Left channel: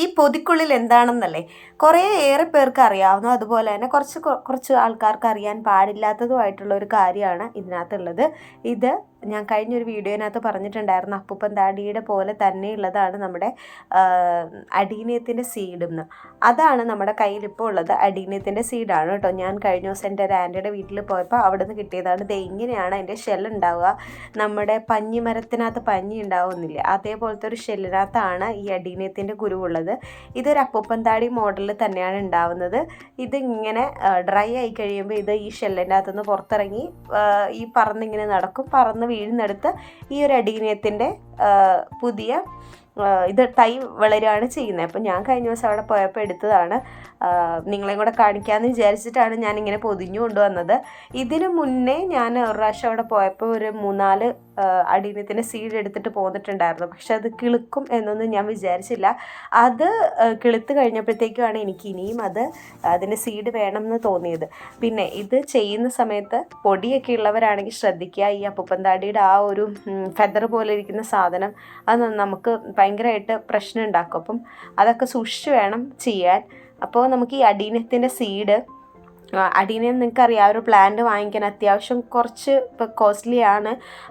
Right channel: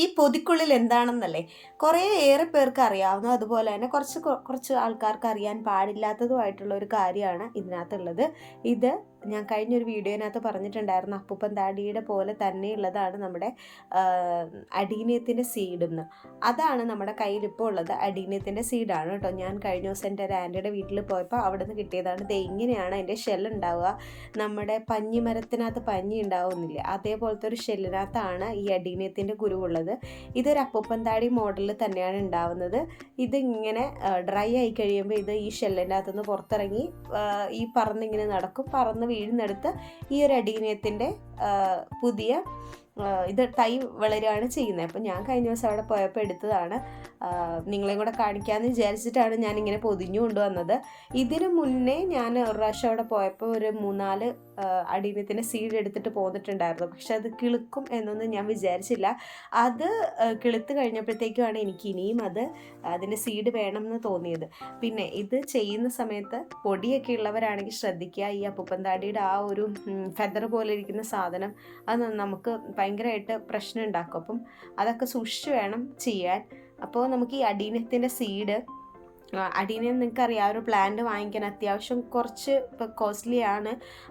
ഈ പൊതിക്കുള്ളിൽ എന്താണെന്നല്ലേ ഏറെ പേർക്ക് അറിയാവുന്ന, അതുപോലെ തന്നെ കുറച്ച് ആൾക്കാർക്ക് അറിയാൻ പാടില്ലാത്തതുമായിട്ടുള്ള ഒരു കാര്യമാണ് ഇതിനകത്തുള്ളത്. ഇത് ഞാൻ കഴിഞ്ഞൊരു വീഡിയോനകത്ത് പറഞ്ഞിട്ടുണ്ടായിരുന്നു, അപ്പൂപ്പൻ താടിയുടെ പോലെ തന്നെയുള്ളതാണ് നമ്മുടെ അടീനിയത്തിൻ്റെ സീഡെന്ന്. അതാണ് നമ്മുടെ കയ്യിൽ ഇപ്പോൾ ഉള്ളത്. അടീനിയത്തിൻ്റെ സീഡാണ് കേട്ടോ. ഞാൻ കഴിഞ്ഞ ദിവസം എൻ്റെ ഒരു ആൻറ്റിയുടെ വീട്ടിൽ പോയപ്പോൾ അവിടെ നിന്ന് കിട്ടിയതാണ്. ഇത് ഇങ്ങനെയാണ് അതിൻ്റെ ഷെൽ ഉണ്ടാവുക. നമ്മുടെ പഞ്ഞിമരത്തിനകത്ത് പഞ്ഞി ഉണ്ടാവുന്നില്ല, അതേപോലത്തെ ഒരു ഷെല്ലിനകത്താണ് ഈ അടീനിയത്തിൻ്റെ കുരുവുള്ളത്. ഇതൊരു അപ്പൂപ്പൻ താടി മോഡലിൽ തന്നെയാണ് ഉണ്ടാവുന്നത്. ഇതിങ്ങനെ ഡ്രൈ ആയി കഴിയുമ്പോൾ ഇത് ഈ ഷെല്ലിൻ്റെ അകത്തുനിന്ന് പുറത്തിറങ്ങി ഈ പറന്നിങ്ങനെ നടക്കും. പറന്ന് വീഴുന്നെടുത്ത് ഈ ഒരു അടീനിയത്തിൻ്റെ പുതിയ ഇത് തൈ വളരുകയാണ് ചെയ്യുന്നത്. അപ്പം ഞാൻ കഴിഞ്ഞ ദിവസം അവിടെ പോയപ്പോൾ എടുത്തതാണ്. നിങ്ങളെയും കൂടെ കാണിക്കാമെന്ന് വിചാരിച്ചിട്ടാണ് ഞാനിങ്ങനെ പൊതിഞ്ഞു കൊണ്ടുവന്നത്. ഇതിനു മുന്നേ ഞാൻ ഒരു പ്രാവശ്യം അവിടെ പോയപ്പോൾ ഒരു 3-4 അടീനിയത്തിൻ്റെ സീഡ് എടുത്തിട്ട് പോന്നിട്ടുണ്ടായിരുന്നു. പക്ഷെ അത് കിളുക്കും എന്നൊന്നും ഞാൻ വിചാരിച്ചില്ല. അത് കിളുത്ത് കഴിഞ്ഞപ്പോഴത്തേക്കുമാണ് എനിക്ക് ഇനിയും അതിൻ്റെ സീഡ് വേണമെന്ന് തോന്നിയത്. പിന്നെ ഇത് ചെയ്യുന്ന സമയത്ത് പൊടിയൊക്കെ ഉള്ളവരാണെങ്കിൽ ശ്രദ്ധിക്കുക. ഈ അപ്പൂപ്പൻ താടിയുടെ ആ ഒരു ഫെദർ പോലെ ഇരിക്കുന്ന സാധനം അത് നമുക്ക് ഭയങ്കരമായിട്ട് പ്രശ്നം ഉണ്ടാക്കും. അപ്പം അതൊക്കെ സൂക്ഷിച്ച് വേണം ചെയ്യാൻ. അപ്പോൾ നമുക്ക് ഈ അടീനിയത്തിൻ്റെ സീഡ്, അടീനിയം നിങ്ങൾക്കറിയാം, ഒരു പ്ലാന്റ് വാങ്ങിക്കാൻ അത്യാവശ്യം കുറച്ച് ഇപ്പോൾ കോസ്റ്റ്ലി ആണ്.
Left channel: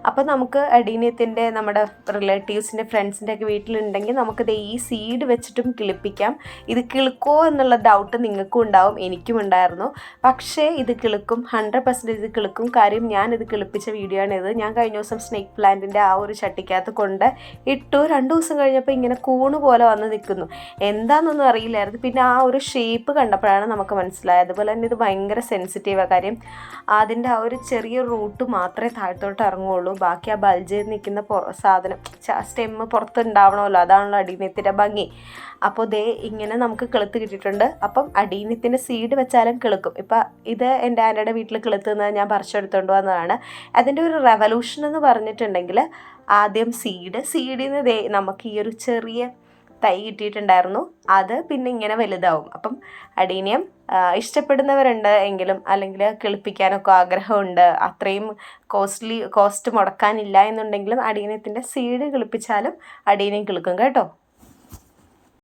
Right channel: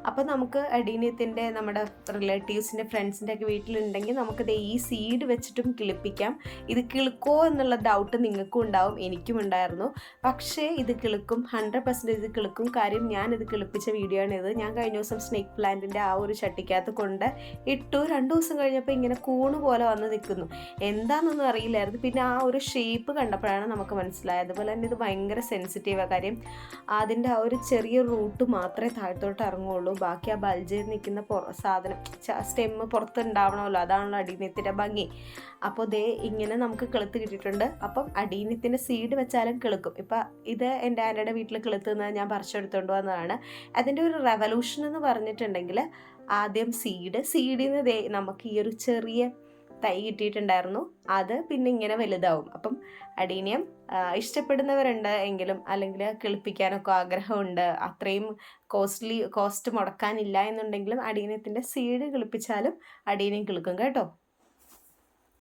അപ്പോൾ നമുക്ക് അടീനിയത്തിൻ്റെ നമ്മുടെ റിലേറ്റീവ്സിൻ്റെ ഫ്രണ്ട്സിൻ്റെ ഒക്കെ വീട്ടിലുണ്ടെങ്കിൽ നമുക്കിത് ഈ സീഡ് വെച്ചിട്ടും കിളിപ്പിക്കാം. ഇത് കിളുക്കോ എന്നുള്ള ഡൗട്ട് നിങ്ങൾക്കും ഉണ്ടാവും, എനിക്കും ഉണ്ടായിരുന്നു. പക്ഷേ ഇത് കിളുക്കും, 100% ഇത് കിളുക്കും. കാര്യം ഞാനിത് കിളിപ്പിച്ച വീഡിയോ ആണ് ഇത്. ഞാൻ കഴിഞ്ഞ ദിവസം സ്നേക്ക് പ്ലാന്റിൻ്റെ ആ ഒരു ചട്ടിക്കകത്ത് കൊണ്ട് ഇട്ടു. 2 ദിവസം കഴിഞ്ഞപ്പോൾ ഇങ്ങനെ കൂണ് പോലെ വന്ന് നിൽക്കുന്നു. എന്താണെന്നൊന്നും അറിയില്ലായിരുന്നു. പിന്നെ ആ ഒരു ഷേപ്പ് കണ്ടപ്പോഴാണ് നമുക്ക് മനസ്സിലായത്. അതുപോലെ തന്നെ ഇത് ഭയങ്കര സെൻസിറ്റീവാണ്. കാര്യം അതിൻ്റെ ആ ഒരു ചെറിയ റൂട്ട് മാത്രമേ താഴത്തോട്ട് ഇറങ്ങുള്ളൂ. ബാക്കി ആ ബൾജ് ചെയ്ത് നിൽക്കുന്ന സാധനം സ്റ്റെമ്മ് പുറത്തുണ്ടാവണമല്ലോ, അതാണല്ലോ അടീനിയത്തിൻ്റെ ഭംഗി. അപ്പോൾ ദേ ഇങ്ങനെ നമുക്ക് കിളുത്ത് കിട്ടിയിട്ടുണ്ട്. അപ്പം അടീനിയത്തിൻ്റെ സീഡ് വെച്ചാലും കിളുക്കും. ഇപ്പം ഇത് എൻ്റെ ആൻ്റയുടെ വീട്ടിൽ കിളുത്തുന്നത് ഞാൻ പറിച്ചെടുത്തുകൊണ്ട് വന്നതാണ്. അതിൻ്റെ ഒരു റെവല്യൂഷൻ എന്ന് പറഞ്ഞിട്ടുണ്ടെങ്കിൽ ആദ്യം സീഡിൽ നിന്ന് നമുക്ക് ഈ ഒരു ചെറിയ തൈ കിട്ടിയിട്ടുണ്ടായിരുന്നു. അത് പിന്നെ ഇങ്ങനെ വലുതാവും. അപ്പം അടീനിയം ഇഷ്ടപ്പെടുന്നവരുണ്ട് എങ്കിലും, അല്ലെങ്കിൽ കിളിപ്പിക്കാനൊക്കെ ആഗ്രഹമുണ്ട്, അത്രയും കോസ്റ്റ് മുടക്കാനില്ല എന്നുണ്ടെങ്കിലും അടീനിയത്തിൻ്റെ സീഡ് കിളിപ്പിച്ചാലും അടീനിയം കിളുക്കും കേട്ടോ.